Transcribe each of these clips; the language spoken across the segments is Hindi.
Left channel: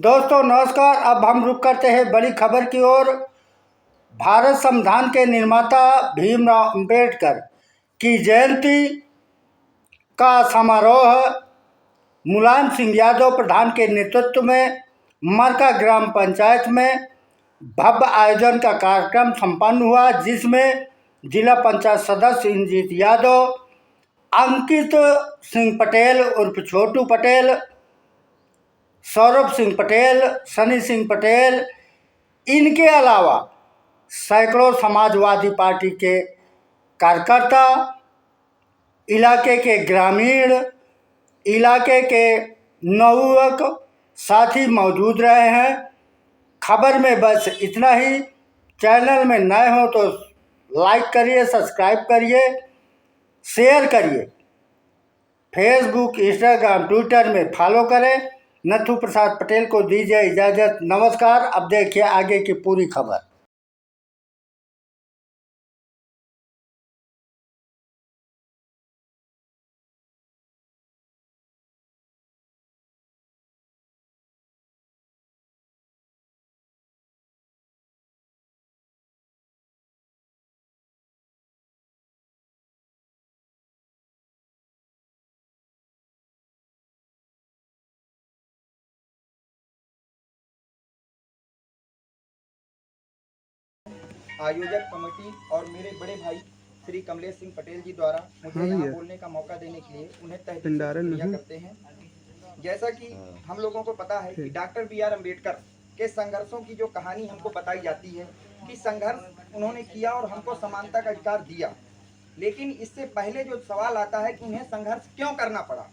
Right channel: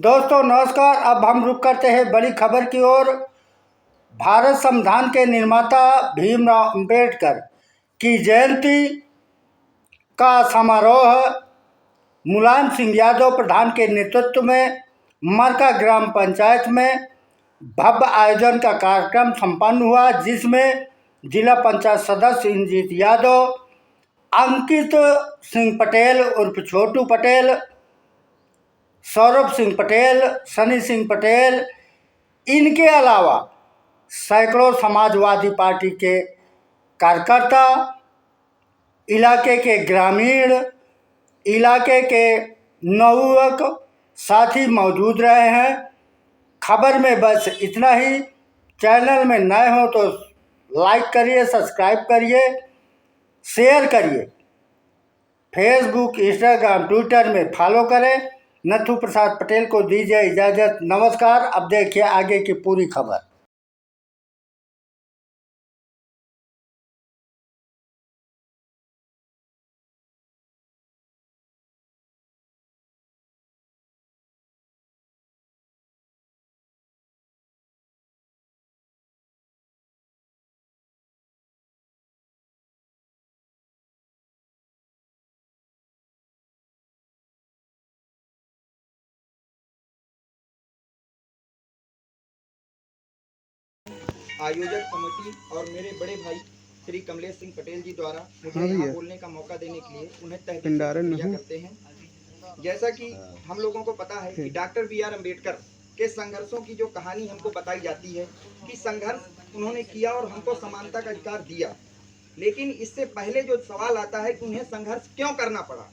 दोस्तों नमस्कार। अब हम रुक करते हैं बड़ी खबर की ओर। भारत संविधान के निर्माता भीमराव अंबेडकर की जयंती का समारोह मुलायम सिंह यादव प्रधान के नेतृत्व में मरका ग्राम पंचायत में भव्य आयोजन का कार्यक्रम संपन्न हुआ, जिसमें जिला पंचायत सदस्य इंद्रजीत यादव, अंकित सिंह पटेल उर्फ छोटू पटेल, सौरभ सिंह पटेल, सनी सिंह पटेल, इनके अलावा सैकड़ों समाजवादी पार्टी के कार्यकर्ता, इलाके के ग्रामीण, इलाके के नवयुवक साथी मौजूद रहे हैं। खबर में बस इतना ही। चैनल में नए हो तो लाइक करिए, सब्सक्राइब करिए, शेयर करिए, फेसबुक, इंस्टाग्राम, ट्विटर में फॉलो करें। नथु प्रसाद पटेल को दीजिए इजाज़त। नमस्कार। अब देखिए आगे की पूरी खबर। आयोजक कमेटी और मेरे बड़े भाई श्री कमलेश सिंह पटेल जी द्वारा मुझे यहाँ बोलने का मौका देने के लिए उन्हें तहे दिल से शुक्रिया करते हैं। जैसा कि हम लोगों को पता है कि डॉक्टर B.R. अम्बेडकर के संघर्षों की जो कहानी हमको बताई जाती है कि संघर्ष उन्होंने किया और हमको समानता का अधिकार दिया, लेकिन इससे पहले जो सवाल आता है कि उन्हें संघर्ष क्यों करना पड़ा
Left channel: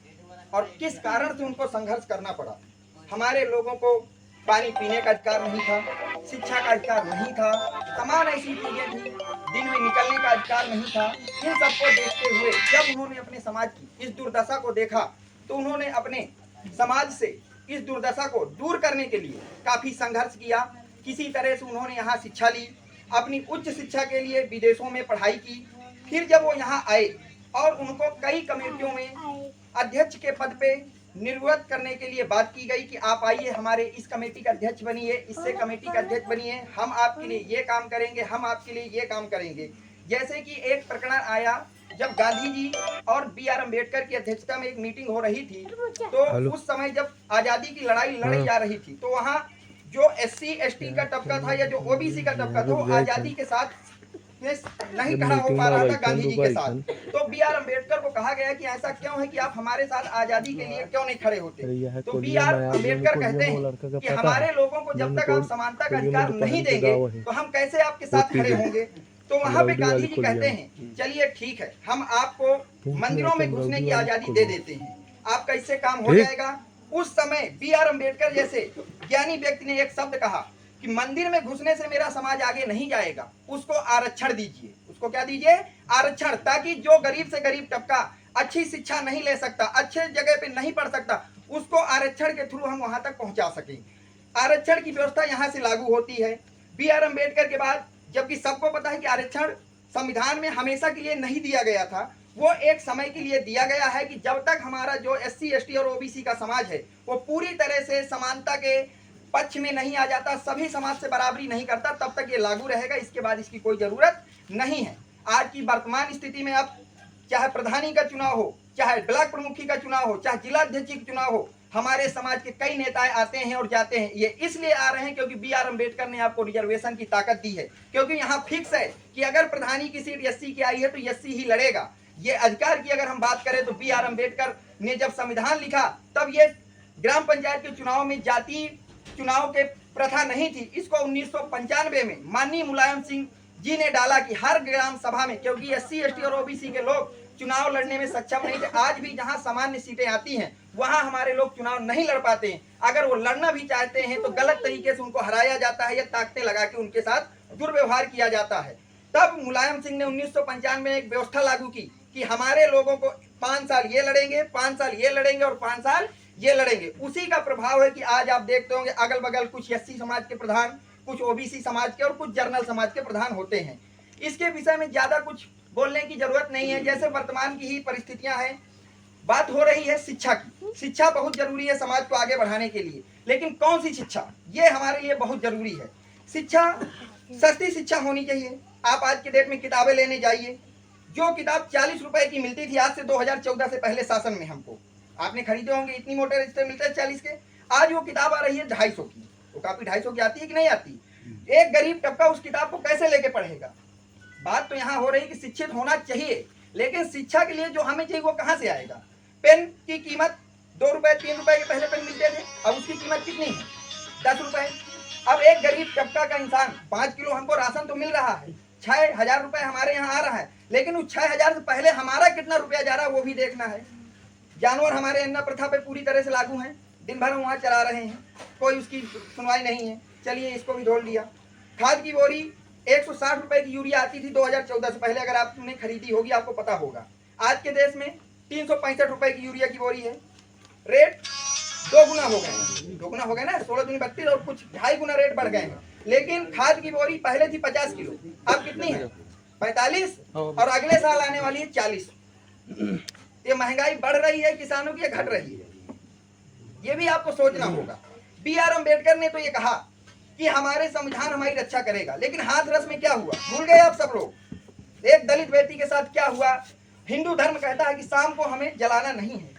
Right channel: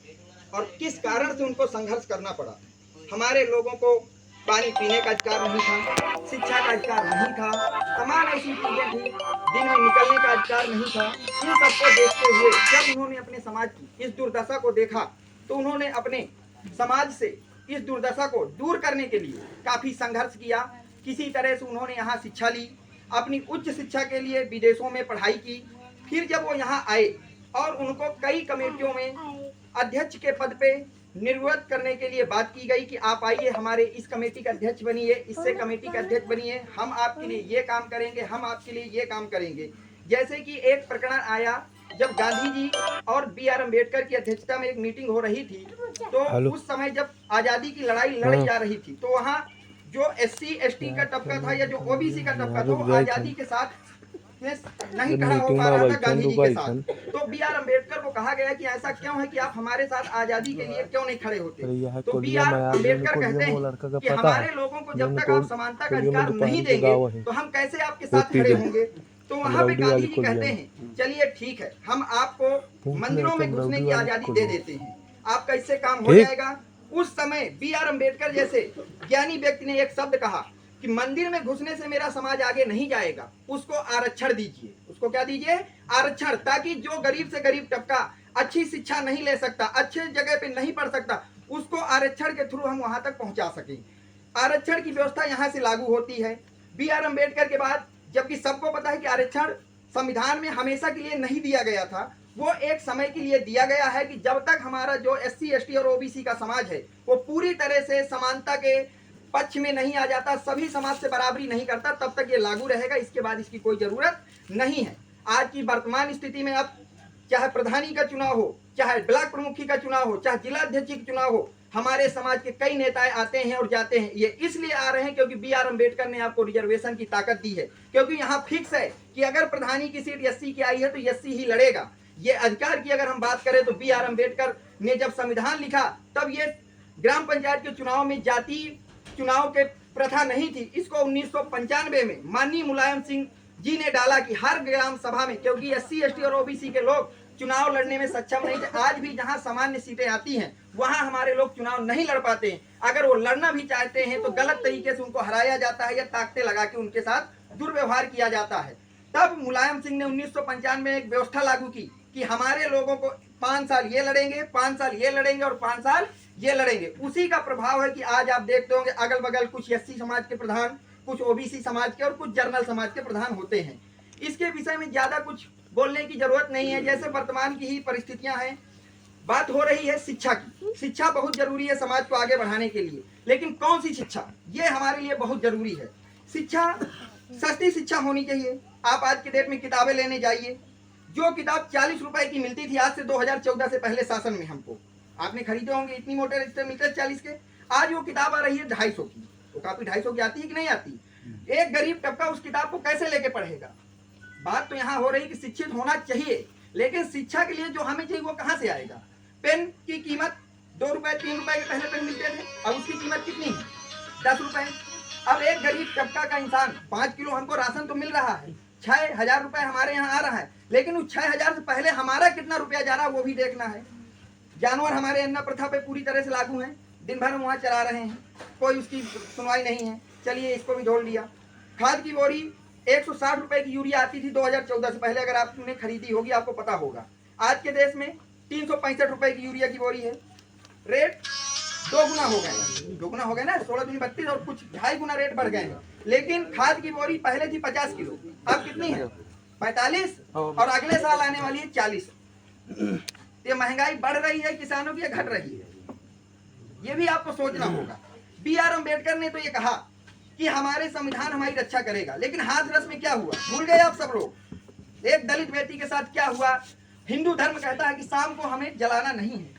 और किस कारण से उनको संघर्ष करना पड़ा। हमारे लोगों को पानी पीने का अधिकार नहीं था, शिक्षा का अधिकार नहीं था, तमाम ऐसी चीजें थी, दिन में निकलने का अधिकार नहीं था। इन सबको देखते हुए जब उन्होंने अपने समाज की इस दुर्दशा को देखा तो उन्होंने अपने समाज से इस दुर्दशा को दूर करने के लिए काफी संघर्ष किया। किसी तरह से उन्होंने यहाँ शिक्षा ली, अपनी उच्च शिक्षा के लिए विदेशों में पढ़ाई की। फिर जब वो यहाँ आए और उनको कई कमेटियों में अध्यक्ष के पद पे निर्वृत्त करने के लिए बात की गई कि आप आइए हमारे इस कमेटी का अध्यक्ष बनिए, इससे कमेटी का अध्यक्ष बनिए, हम आपके लिए ये काम करेंगे, हम आपके लिए ये काम करेंगे। जैसे कि एक प्रकरण आया जब गांधी जी और B.R. अम्बेडकर की अध्यक्षता में एक मीटिंग हो रही थी, तो उस समय जब आजादी की लड़ाई लड़ी जा रही थी तो वहाँ जो SC ST का तबका था या जो OBC का तबका था वो आजादी के साथ नहीं खड़ा हो पा रहा था गांधी जी के साथ। तो B.R. अम्बेडकर को कहा गया कि ऐसा क्यों है कि आप हमारे साथ आजादी के लिए क्यों नहीं खड़े होते। तो B.R. अम्बेडकर कहते हैं कि हमारे लोगों को जब तक आप समानता का अधिकार नहीं देंगे तो हम कैसे आपके साथ खड़े होंगे। तो वहाँ पे गांधी जी कहते हैं चलिए ठीक है, हम आपको मंदिरों में घुसने की आजादी दे देते हैं, आपका इससे काम हो जाएगा। उस समय B.R. अम्बेडकर जैसे ज्ञानी व्यक्ति ने एक शब्द कहा कि मंदिर में घुसने से मेरा समाज आगे नहीं जाएगा, उसको आरक्षण दीजिए। उसको क्या दीजिए? आरक्षण, ताकि जो गरीब से गरीब तबका अच्छी शिक्षा नहीं ले सकता, अच्छे जगह पे नहीं पढ़ सकता, उसको आरक्षण के थ्रू हम वहां तक पहुंचा सकें। आरक्षण की व्यवस्था यहाँ से लागू होती है। B.R. अम्बेडकर के बाद, जबकि सबको पता है कि आरक्षण संविधान में हमेशा के लिए नहीं दिया गया था, वो एक समय के लिए दिया गया है कि जब तक हमारा जो SC ST और OBC का समाज है वो पूरी तरह से समानता के पक्ष में नहीं आ जाता, सभी समाज से बराबरी नहीं करता, तब तक ये लागू रहेगा। इसके बाद इसकी कोई जरूरत नहीं है। आज की वर्तमान स्थिति में अब चाहे प्रधानी का चुनाव हो, चाहे ब्लॉक प्रमुखी का चुनाव हो, चाहे जिला अध्यक्ष का चुनाव हो, हमारे समाज के कई नेताएं आते हैं और जाते हैं। ये इसलिए आ रहे हैं क्योंकि B.R. अम्बेडकर ने आपको रिजर्वेशन की ताकत दी है, क्योंकि यहाँ फिक्स है कि अगर प्रधानी की सीट SC की आई है तो SC ही लड़ेगा। ये अधिकार की अगर हम बात करें तो B.R. अम्बेडकर ने जब संविधान लिखा तब ये ग्राम पंचायत के चुनाव में जाति चुनाव के प्रथा नहीं थी। इसको 1995 में माननीय मुलायम सिंह जी ने डाला कि हर ग्राम सभा में, क्योंकि SC ST और OBC के लोग चुनाव लड़ने में सक्षम नहीं थे। आज भी जहां सामान्य सीटें आती हैं वहां हमारे लोग चुनाव नहीं लड़ पाते हैं। अगर वो लड़ना भी चाहते हैं तो गलत तरीके से उनको हराया जाता है या ताकतें लगा के उनके साथ दुर्व्यवहार किया जाता है। तब मुलायम सिंह ने 1995 में एक व्यवस्था लागू की कि हमारे लोगों को 5 साल ये लड़ेंगे, 5 साल ये लड़ेंगे और 5 साल ये लड़ेंगे। उसी का प्रभाव है कि आज आप देखते होंगे अगल बगल कुछ SC समाज के प्रधान, कुछ OBC समाज के और कुछ जनरल समाज के प्रधान होते हैं। इसके विषय में ज्यादा कुछ बोलने की जरूरत नहीं है। जैसे वर्तमान की ही परिस्थितियां हैं, बात हो रही है शिक्षा की। शिक्षा बहुत जरूरी है समाज को आगे बढ़ाने के लिए, लेकिन कौन सी शिक्षा, ये हमारे लिए बहुत जरूरी है। शिक्षा, सस्ती शिक्षा होनी चाहिए। आप आज के डेट में किताबें लेने जाइए, जो किताब 40 रुपए की मिलती थी आज से 2014 से पहले शासन में, हमको आपने खरीदे होंगे, इतनी मोटे रिश्ते मिलते हैं 40 के, आज वो किताब आ रही है 250 की। वो कापी 250 की आती है कि नहीं आती? एक गरीब तबका उस किताब को कैसे लेके पढ़ेगा? बात तो यहाँ हो रही कि शिक्षित होना चाहिए, लेकिन शिक्षा के लिए जो हमें चाहिए वो कहाँ से आएगा? पेन की कीमत 2 रुपए 3 रुपए के पहले पेन मिलते थे, अब उसकी कीमत कितनी है? 10 रुपए। अब एक गरीब तबका का इंसान 5 किलो हमको राशन तो मिल रहा है, 6,000 रुपए हमारे यहाँ आ रहा है, लेकिन उस 6,000 से पहले हमारा कितना रुपया जा रहा है वो भी देखना है। जानवर हमारे अन्ना प्रथा पे पूरी तरह से लागू हैं, दिन भर वहाँ चला रहे हैं, कोई उसकी सुनवाई नहीं है। चलिए इसको भी जोड़ लिया। खाद की बोरी 160 रुपए की यूरिया आती थी 2014 से पहले, अगर आपने खरीदी होगी आपको पता होगा। आज के देश में 365 रुपए की यूरिया की बोरी है। रेट 2 गुना हो गए, 2 गुना हो गए ना, 16 दूनी 32 और कुछ 2.5 गुना रेट बढ़ गए हैं। लेकिन खाद की बोरी पहले थी 50 किलो, अब कितनी है? 45, और अगले साल आने वाली है 40। ये महंगाई बढ़ रही है किसानों की या घट रही है? ये भी आपको सोचना होगा। B.R. अम्बेडकर ने तो ये कहा कि हमारे संविधान हमारी रक्षा करेगा, लेकिन हाथरस में क्या हुआ भूल गए आप सब लोग। एक दलित बेटी के साथ क्या हुआ? हिंदू धर्म कहता है कि शाम को हमें जलाना नहीं है,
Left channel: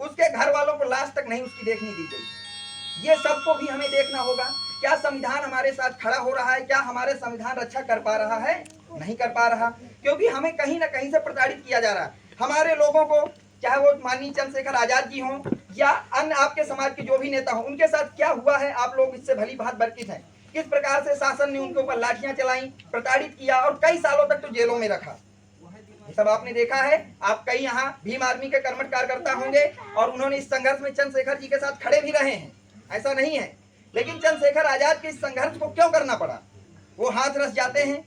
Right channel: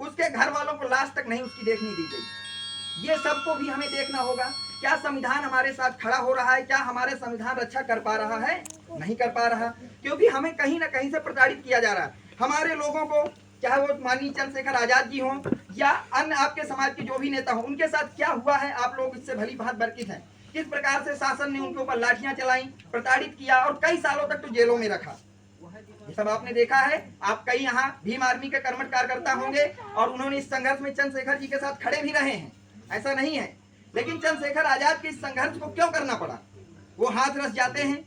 उसके घर वालों को लाश तक नहीं उसकी देखने दी गई। ये सबको भी हमें देखना होगा, क्या संविधान हमारे साथ खड़ा हो रहा है? क्या हमारे संविधान रक्षा कर पा रहा है? नहीं कर पा रहा, क्योंकि हमें कहीं ना कहीं से प्रताड़ित किया जा रहा है। हमारे लोगों को, चाहे वो माननीय चंद्रशेखर आजाद जी हों या अन्य आपके समाज के जो भी नेता हों, उनके साथ क्या हुआ है आप लोग इससे भली भांति वाकिफ हैं। किस प्रकार से शासन ने उनके ऊपर लाठियां चलाई, प्रताड़ित किया और कई सालों तक तो जेलों में रखा। ये सब आपने देखा है। आप कई यहाँ भीम आर्मी के कर्मठ कार्यकर्ता होंगे और उन्होंने इस संघर्ष में चंद्रशेखर जी के साथ खड़े भी रहे हैं, ऐसा नहीं है। लेकिन चंद्रशेखर आजाद के इस संघर्ष को क्यों करना पड़ा? वो हाथरस जाते हैं,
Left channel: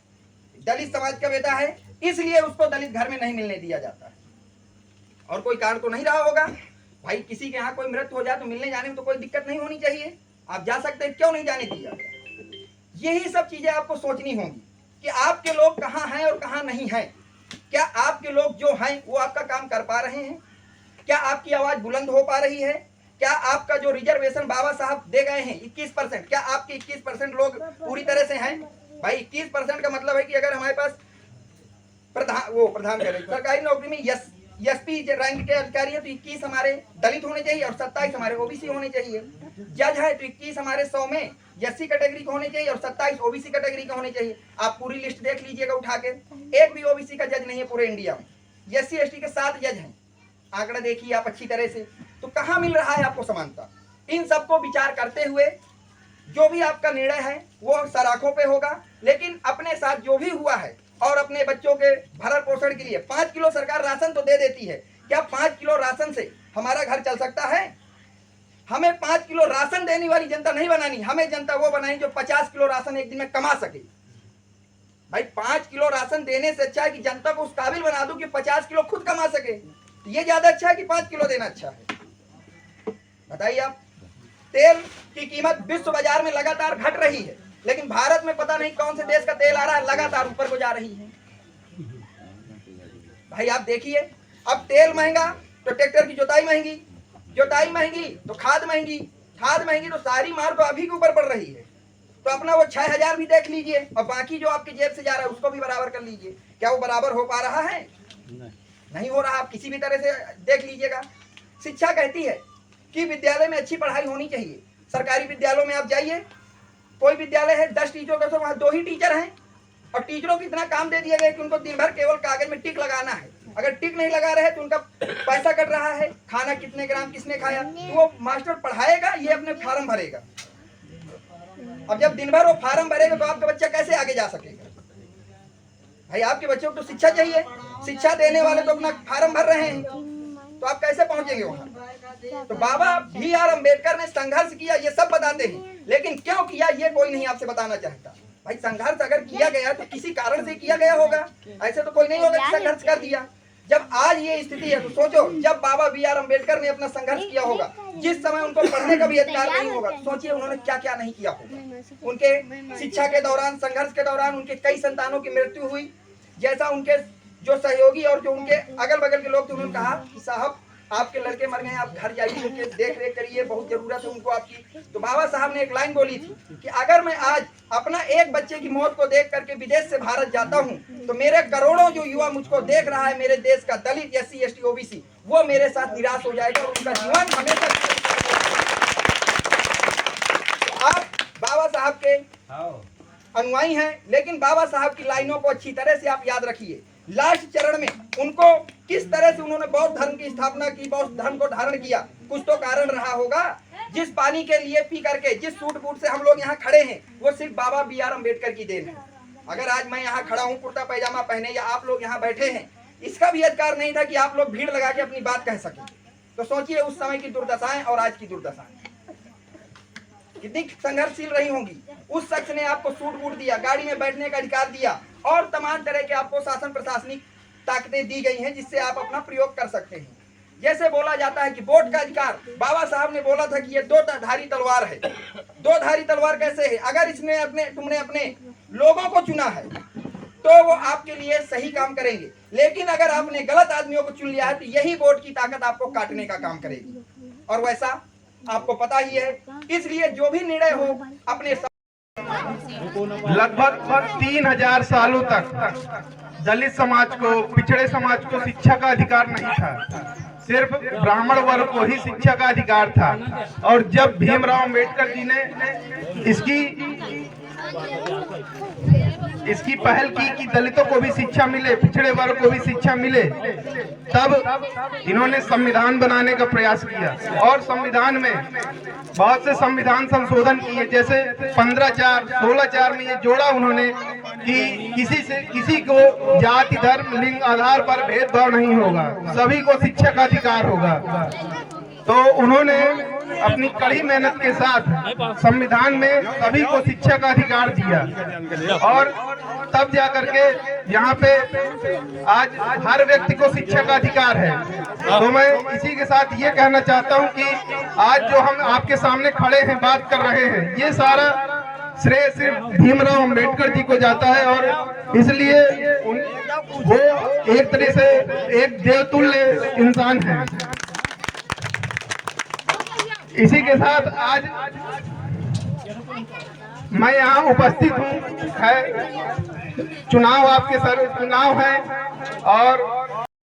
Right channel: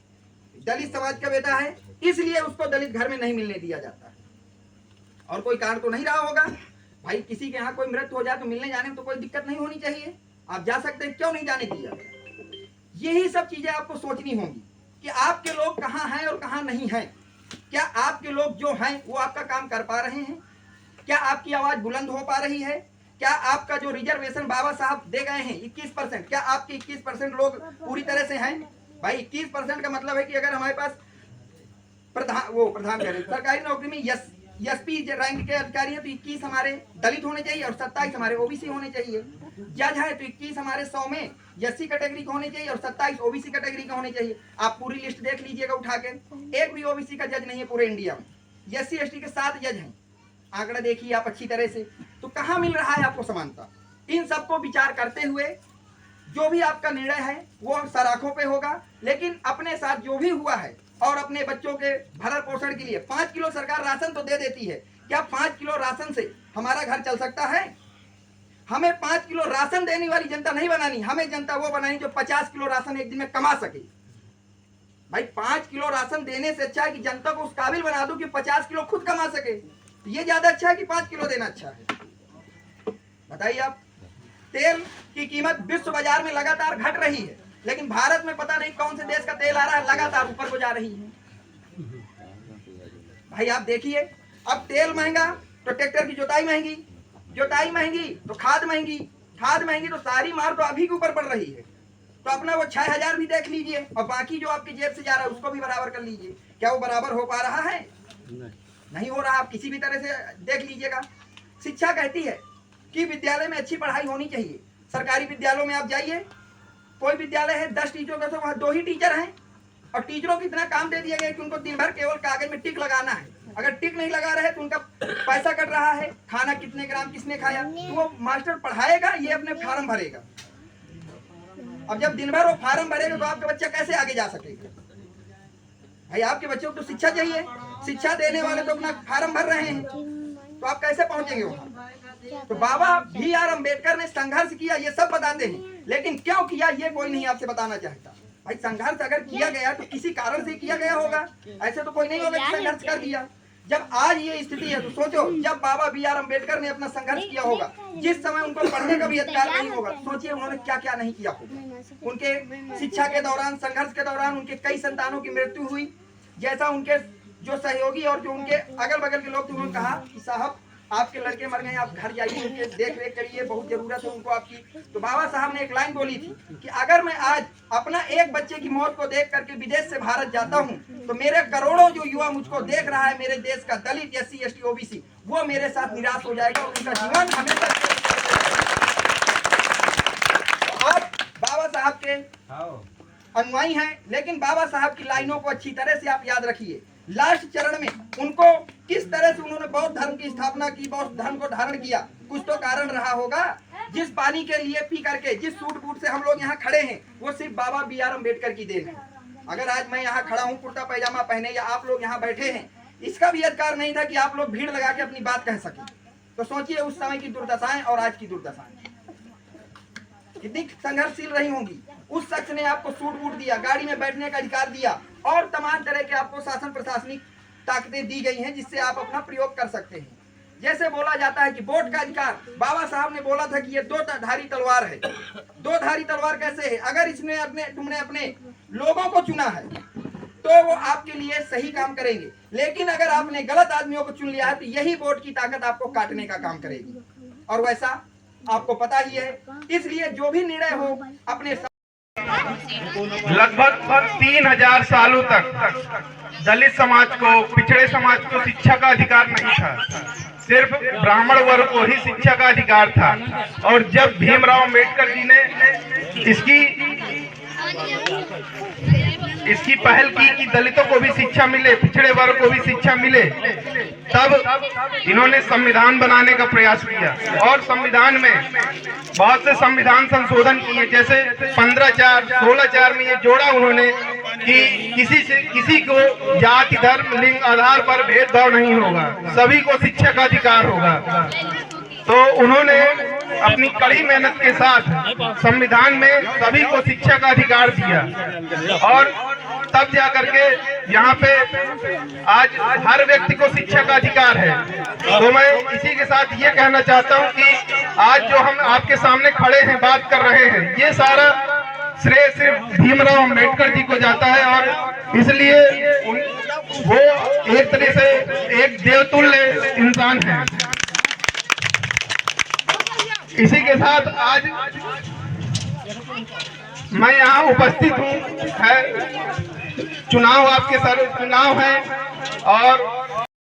दलित समाज का बेटा है, इसलिए उसको दलित घर में नहीं मिलने दिया जाता। और कोई कारण तो नहीं रहा होगा भाई, किसी के यहाँ कोई मृत्यु हो जाए तो मिलने जाने में तो कोई दिक्कत नहीं होनी चाहिए, आप जा सकते हैं, क्यों नहीं जाने दिया? यही सब चीजें आपको सोचनी होंगी कि आपके लोग कहाँ हैं और कहाँ नहीं हैं। क्या आपके लोग जो हैं वो आपका काम कर पा रहे हैं? क्या आपकी आवाज बुलंद हो पा रही है? क्या आपका जो रिजर्वेशन बाबा साहब दे गए हैं 21%, क्या आपके 21% लोग पूरी तरह से हैं? भाई 21% का मतलब है कि अगर हमारे पास प्रधान सरकारी नौकरी में एसपी रैंक के अधिकारी है तो 21 हमारे दलित होने चाहिए और 27 हमारे ओबीसी होने चाहिए। जज है तो 21 हमारे 100 में एससी कैटेगरी के होने चाहिए और 27 ओबीसी कैटेगरी का होने चाहिए। आप पूरी लिस्ट देख लीजिएगा उठा के, एक भी ओबीसी का जज नहीं है पूरे इंडिया में। एससी एसटी के 7 जज हैं, आंकड़ा देखिए आप अच्छी तरह से। तो कहाँ मिल रहा है आपको समानता? इन सबको विचार करते हुए जो भी आपका निर्णय है वो सराखों पे होगा, लेकिन अपने साथ जो भी हुआ है और अपने बच्चों के भरण पोषण के लिए 5 किलो सरकार राशन तो दे देती है, क्या 5 किलो राशन से हमारा घर चल सकता है? हमें 5 किलो राशन देने वाली जनता नहीं बनानी, हमें जनता वो बनानी जो 50 किलो राशन एक दिन में कमा सके। भाई 5 किलो राशन देने से अच्छा है कि जनता को उस काबिल बना दो कि 50 किलो खुद कमा सके। ये ज्यादा अच्छा है कि 5 किलो देना अच्छा है? बताइए आप। तेल की कीमत विश्व बाजार में लगातार घट रही है, लेकिन भारत में पता नहीं कौन से देश का तेल आ रहा है, लगातार ऊपर को जा रही है। भाई आप देखिए, अब तेल महंगा तो ट्रैक्टर की जोताई महंगी, जोताई महंगी तो खाद महंगी, खाद महंगी तो सारी मार तो अभी के ऊपर पड़ रही है। तो अपना वो 6,000 भी देख लीजिए और बाकी जो आपकी जेब से जा रहा है उसको भी बराबर कर लीजिए। क्या वो बराबर हो पा रहा है? नहीं हो रहा। आप किसी भी तरह से देख लीजिएगा। शिक्षा कहती है कि विद्यालय में अच्छी पढ़ाई होनी चाहिए। सरकारी विद्यालयों में आप जाइए, कोई विद्यालय है 10 टीचरों का तो वहाँ 2 ही टीचर हैं और टीचरों को इतना काम दे दिया गया कि उनको दिन भर केवल कागज में टिक लगाना है। अगर टिक नहीं लगा रहे तो उनका पैसा कट रहा है, खाना कितने ग्राम किसने खाया, तो वो मास्टर पढ़ाएगा, ये अपने फार्म भरेगा। अब जब दिन भर वो फार्म भरेगा तो आपका बच्चा कैसे आगे जा सकेगा? भाई आपके बच्चों को तो शिक्षा चाहिए, शिक्षा देने वाले तो अपना फार्म भर रहे हैं, तो आप कैसे पहुंचेंगे वहां? तो बाबा B.R. अम्बेडकर ने संघर्ष किया, ये सब बताते हैं, लेकिन क्यों किया ये कोई नहीं आपसे बताना चाहता। भाई संघर्ष अगर किया गया तो किसी कारण से किया गया होगा, ऐसे तो कोई नहीं होगा कि संघर्ष कर दिया। जब आज ये स्थिति है तो सोचो, जब बाबा B.R. अम्बेडकर ने अपना संघर्ष किया होगा, जिस समय उनको पढ़ने का भी अधिकार नहीं होगा, सोचिए उन्होंने क्या क्या नहीं किया होगा। उनके शिक्षा के दौरान, संघर्ष के दौरान उनके कई संतानों की मृत्यु हुई। जैसा उनके जो सहयोगी और जो उनके अगल बगल के लोग थे उन्होंने कहा कि साहब आपके लड़के मर गए, आप घर जाइए, उनके देख रेख करिए, बहुत जरूरत है उनको आपकी। तो बाबा साहब ने एक लाइन बोली थी कि अगर मैं आज अपना एक बच्चे की मौत को देख करके विदेश से भारत जाता हूँ तो मेरे करोड़ों जो युवा मुझको देख रहा है, मेरे देश का दलित, SC ST OBC, वो मेरे साथ निराश हो जाएगा और उनका जीवन हमेशा। आप बाबा साहब के अनुयायी हैं, लेकिन बाबा साहब की लाइनों को अच्छी तरह से आप याद रखिए। लास्ट चरण में उनको किस तरह से उन्होंने बौद्ध धर्म की स्थापना की, बौद्ध धर्म को धारण किया, कुछ तो कारण रहा होगा। जिस पानी के लिए पी करके, जिस सूट बूट से हम लोग यहाँ खड़े हैं, वो सिर्फ बाबा BR अम्बेडकर की देन है। अगर आज मैं यहाँ खड़ा हूँ कुर्ता पैजामा पहने या आप लोग यहाँ बैठे हैं, इसका भी अधिकार नहीं था कि आप लोग भीड़ लगा के अपनी बात कह सकें। तो सोचिए उस समय की दुर्दशाएं और आज की दुर्दशाएं कितनी संघर्षशील रही होंगी। उस शख्स ने आपको सूट बूट दिया, गाड़ी में बैठने का अधिकार दिया और तमाम तरह के आपको शासन प्रशासनिक ताकतें दी गई हैं जिससे आप अपना प्रयोग कर सकते हैं। जैसे बोला जाता है कि वोट का अधिकार, बाबा साहब ने बोला था कि ये दो धारी तलवार है। दो धारी तलवार कैसे है? अगर तुमने अपने लोगों को चुना है तो वो आपके लिए सही काम करेंगे, लेकिन अगर आपने गलत आदमियों को चुन लिया है तो यही वोट की ताकत आपको काटने का काम करेगी, और वैसा आपको पता ही है। इसलिए जो भी निर्णय हो अपने लगभग 3000 सालों तक दलित समाज को, पिछड़े समाज को शिक्षा का अधिकार नहीं था। सिर्फ ब्राह्मण वर्ग को ही शिक्षा का अधिकार था। और जब भीमराव अम्बेडकर जी ने इसकी पहल की कि दलितों को भी शिक्षा मिले, पिछड़े वर्ग को भी शिक्षा मिले, तब इन्होंने संविधान बनाने का प्रयास किया। और संविधान में बहुत से संविधान संशोधन किए, जैसे 15(4), 16(4) में ये जोड़ा उन्होंने कि किसी को जाति, धर्म, लिंग आधार पर भेदभाव नहीं होगा, सभी को शिक्षा का अधिकार होगा। तो उन्होंने अपनी कड़ी मेहनत के साथ संविधान में सभी को शिक्षा का अधिकार दिया, और तब जाकर के यहाँ पे आज हर व्यक्ति को शिक्षा का अधिकार है। तो मैं इसी के साथ ये कहना चाहता हूँ कि आज जो हम आपके सामने खड़े हैं, बात कर रहे हैं, ये सारा श्रेय सिर्फ भीमराव अम्बेडकर जी को जाता है। और इसलिए वो एक तरह से एक देवतुल्य इंसान है। इसी के साथ आज मैं यहाँ उपस्थित हूँ। चुनाव आपके सर चुनाव है और